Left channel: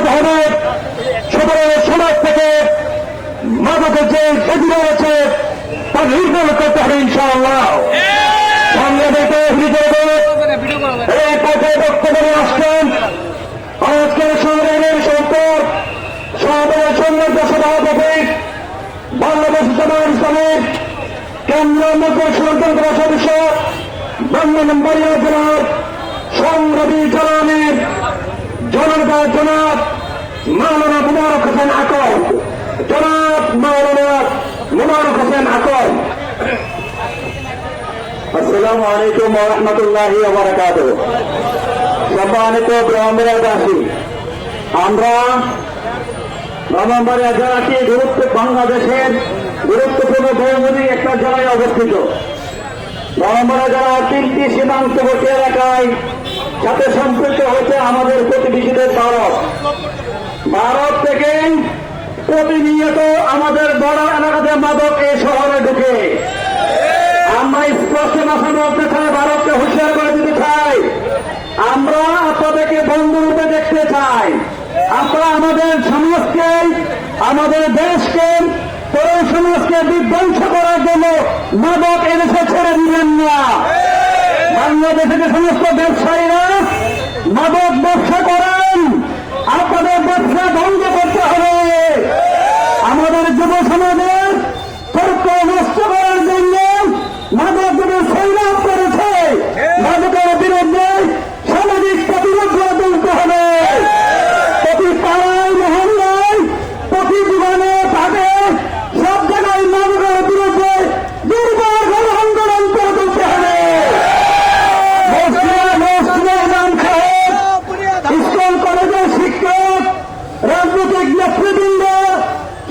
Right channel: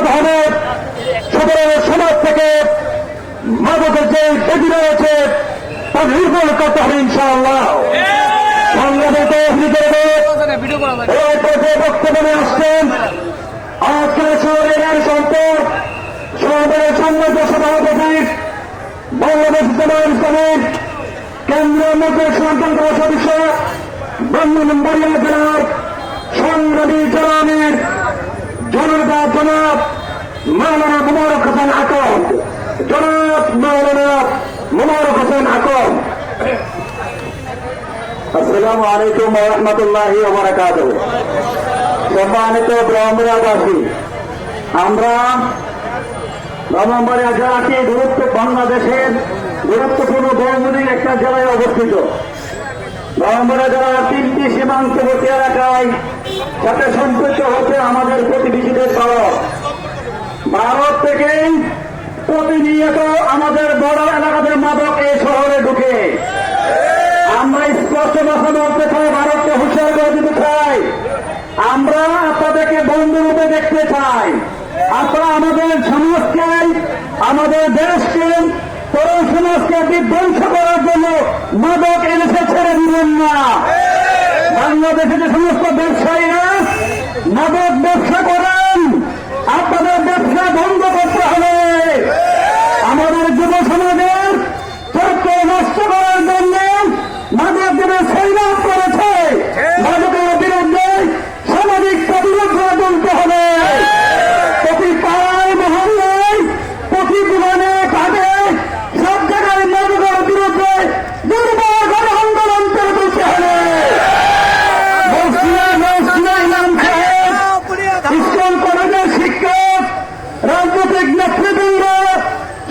করতে হবে। সুতরাং সমাজ থেকে মাদকের যে ক্ষতি রয়েছে তা নির্মূল করতে হবে ইনশাআল্লাহ। সংগ্রামিত বক্তব্যে আসছেন আজকে শহরের সম্পদ শহরের সংগ্রামের সভাপতি বাংলাদেশ জামায়াত ইসলামী কেন্দ্রীয় মন্ত্রী স্বতন্ত্র সদস্য ব্রাহ্মণবাড়িয়া জেলার সংগ্রামী জনাবের জনতা জনাব মাওলানা মোবারক হোসেন আকন। জনাব মাওলানা মোবারক হোসেন আকন। আসসালামু আলাইকুম ওয়া রাহমাতুল্লাহি ওয়া বারাকাতুহু। সম্মানিত ব্রাহ্মণবাসী, আমরা ব্রাহ্মণবাড়িয়া জেলাটি বাংলাদেশের গুরুত্বপূর্ণ বহুমুখী একটা জেলায় অবস্থিত। ব্রাহ্মণবাড়িয়া জেলার 3টি সীমান্তবর্তী এলাকায় সাথে সম্পৃক্ত হচ্ছে আমাদের প্রতিবেশীদের ভারত থেকে প্রতিনিয়ত আমাদের বড় এলাকাতে মাদক এই শহরে ঢুকে। আমরা স্পষ্ট ভাষা বলতে চাই, ভারতকে হুঁশিয়ার করে দিতে চাই, আমরা আপনাদেরকে বন্ধুরূপে দেখতে চাই। আপনারা আমাদের সমাজকে, আমাদের দেশকে, তরুণ সমাজকে বিধ্বংস করার জন্য মাদক এদেশে ছেড়ে দিলেন না। বাংলাদেশে যে সমস্ত ব্যবসায়ীরা মাদক ব্যবসা করেন, আপনাদের ব্যবসা বন্ধ করতে হবে। আমাদের যুব সমাজের চরিত্র নষ্ট করার জন্য মাদক যুব সংগ্রাম করেছে, মাদকের বিরুদ্ধে সামাজিক প্রতিরোধ গড়ে তুলতে হবে। প্রতি পাড়ায় মহল্লায়, প্রতি জীবনে কাজে সব জায়গায় মাদকের বিরুদ্ধে দুর্বার গণ আন্দোলন করে তুলতে হবে। স্কুল কলেজের শিক্ষক, রাজনৈতিক নেতৃবৃন্দ,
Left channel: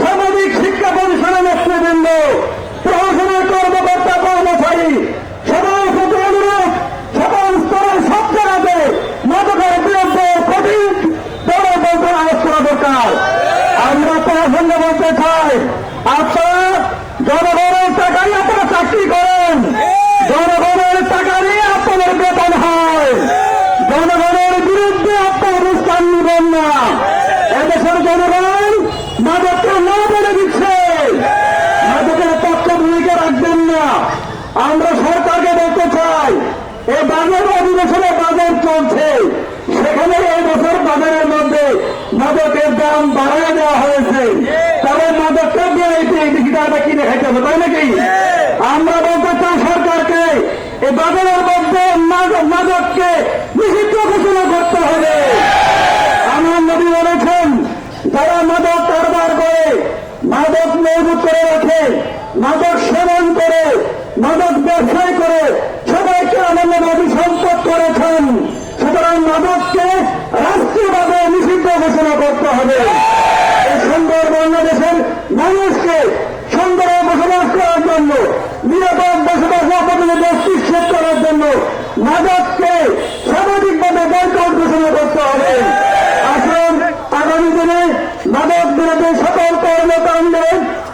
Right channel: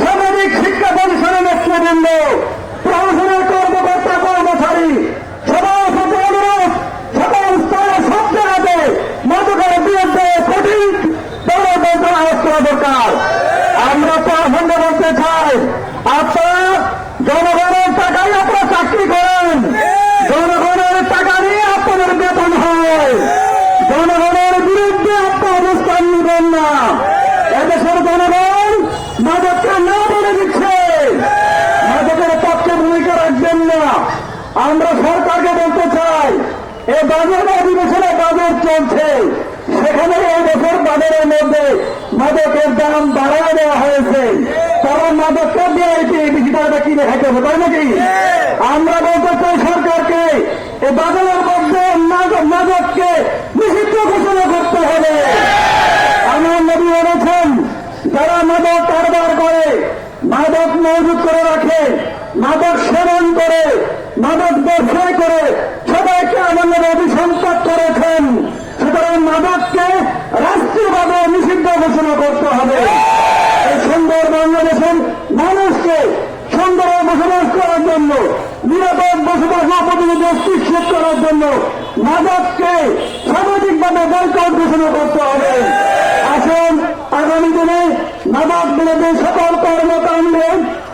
সামাজিক শিক্ষা প্রতিষ্ঠানের নেতৃবৃন্দ, প্রশাসনের কর্মকর্তা কর্মচারী, সবাই শুধু অনুরোধ, সকল স্তর সব জায়গাতে মাদকের বিরুদ্ধে কঠিন আওয়াজ করা দরকার। আমরা তার সঙ্গে বলতে চাই, আপনারা জনগণের টাকায় আপনারা চাকরি করেন, জনগণের টাকা নিয়ে আপনাদের বেতন হয়, জনগণের বিরুদ্ধে আপনার অবস্থান নেবেন না। এদেশের জনগণ মাদককে না বলে দিচ্ছে, মাদকের পক্ষে ভূমিকা রাখবেন না। আমরা সরকারকে বলতে চাই, এই বাজার অধিবেশনে বাজার চলছে, সেখানে এই বছর বাজারের মধ্যে মাদকের দাম বাড়ায় দেওয়া হয়েছে, কারণ মাদকটা দিয়ে এই বিষয়টা কিনে খেতে হবে, তাই নাকি? আমরা বলতে চাই সরকারকে, এই বাজারের মধ্যে মাদককে নিষিদ্ধ ঘোষণা করতে হবে। আমার নবী বলেছেন, যারা মাদক কারবার করে, মাদক মজুত করে রাখে, মাদক সেবন করে, মাদক ব্যবসায় করে, সবাইকে আমার নবী অভিসম্পদ করেছেন। সুতরাং মাদককে রাষ্ট্রীয়ভাবে নিষিদ্ধ ঘোষণা করতে হবে। এই সুন্দর বাংলাদেশের মানুষকে সুন্দর বসবাস করার জন্য, নিরাপদ বসবাস প্রতিনিধিত্ব করার জন্য মাদককে সামাজিকভাবে বয়কট ঘোষণা করতে হবে। আসুন আগামী দিনে মাদক বিরোধী সকল কর্মকাণ্ডে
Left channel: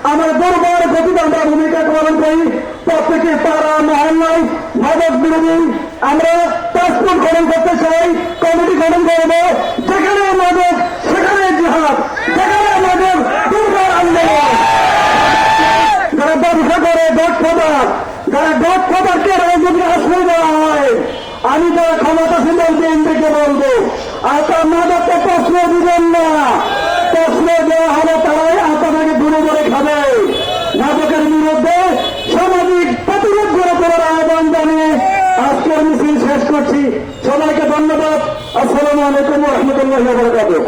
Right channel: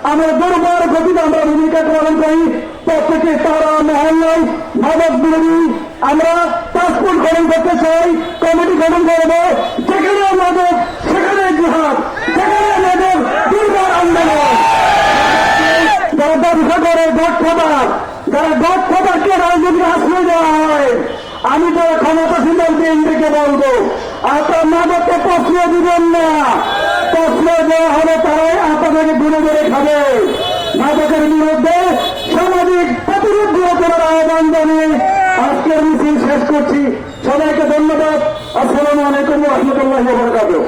আমরা দুর্বল গতিতে আমরা ভূমিকা পালন করি। প্রত্যেকে তারা মহল্লায় মাদক বিরোধী আমরা পাসপোর্ট গঠন করতে চাই, কমিটি গঠন করব, যেখানে মাদক সেখানে জিহাদ, যেখানে মাদক দুর্বল আন্দোলন। যারা ব্যবসা করে দক্ষতার, যারা দক্ষতাকে রাজনীতির আশ্রয় দেওয়া হয়, আমি যারা ক্ষমতাসীন কেন্দ্রকে বলবো, আপনার মাদককে প্রশ্ন দিবেন না। প্রশ্ন দেওয়া হবে তারাই আপনাদেরকে দূরে দূরে খাবে। মাদকের বিরুদ্ধে সামাজিক প্রতিরোধ গড়ে তোলার আহ্বান জানিয়ে আজকের মিছিল শেষ করছি। সবাইকে ধন্যবাদ। আসসালামু আলাইকুম ওয়া রাহমাতুল্লাহি ওয়া বারাকাতুহু।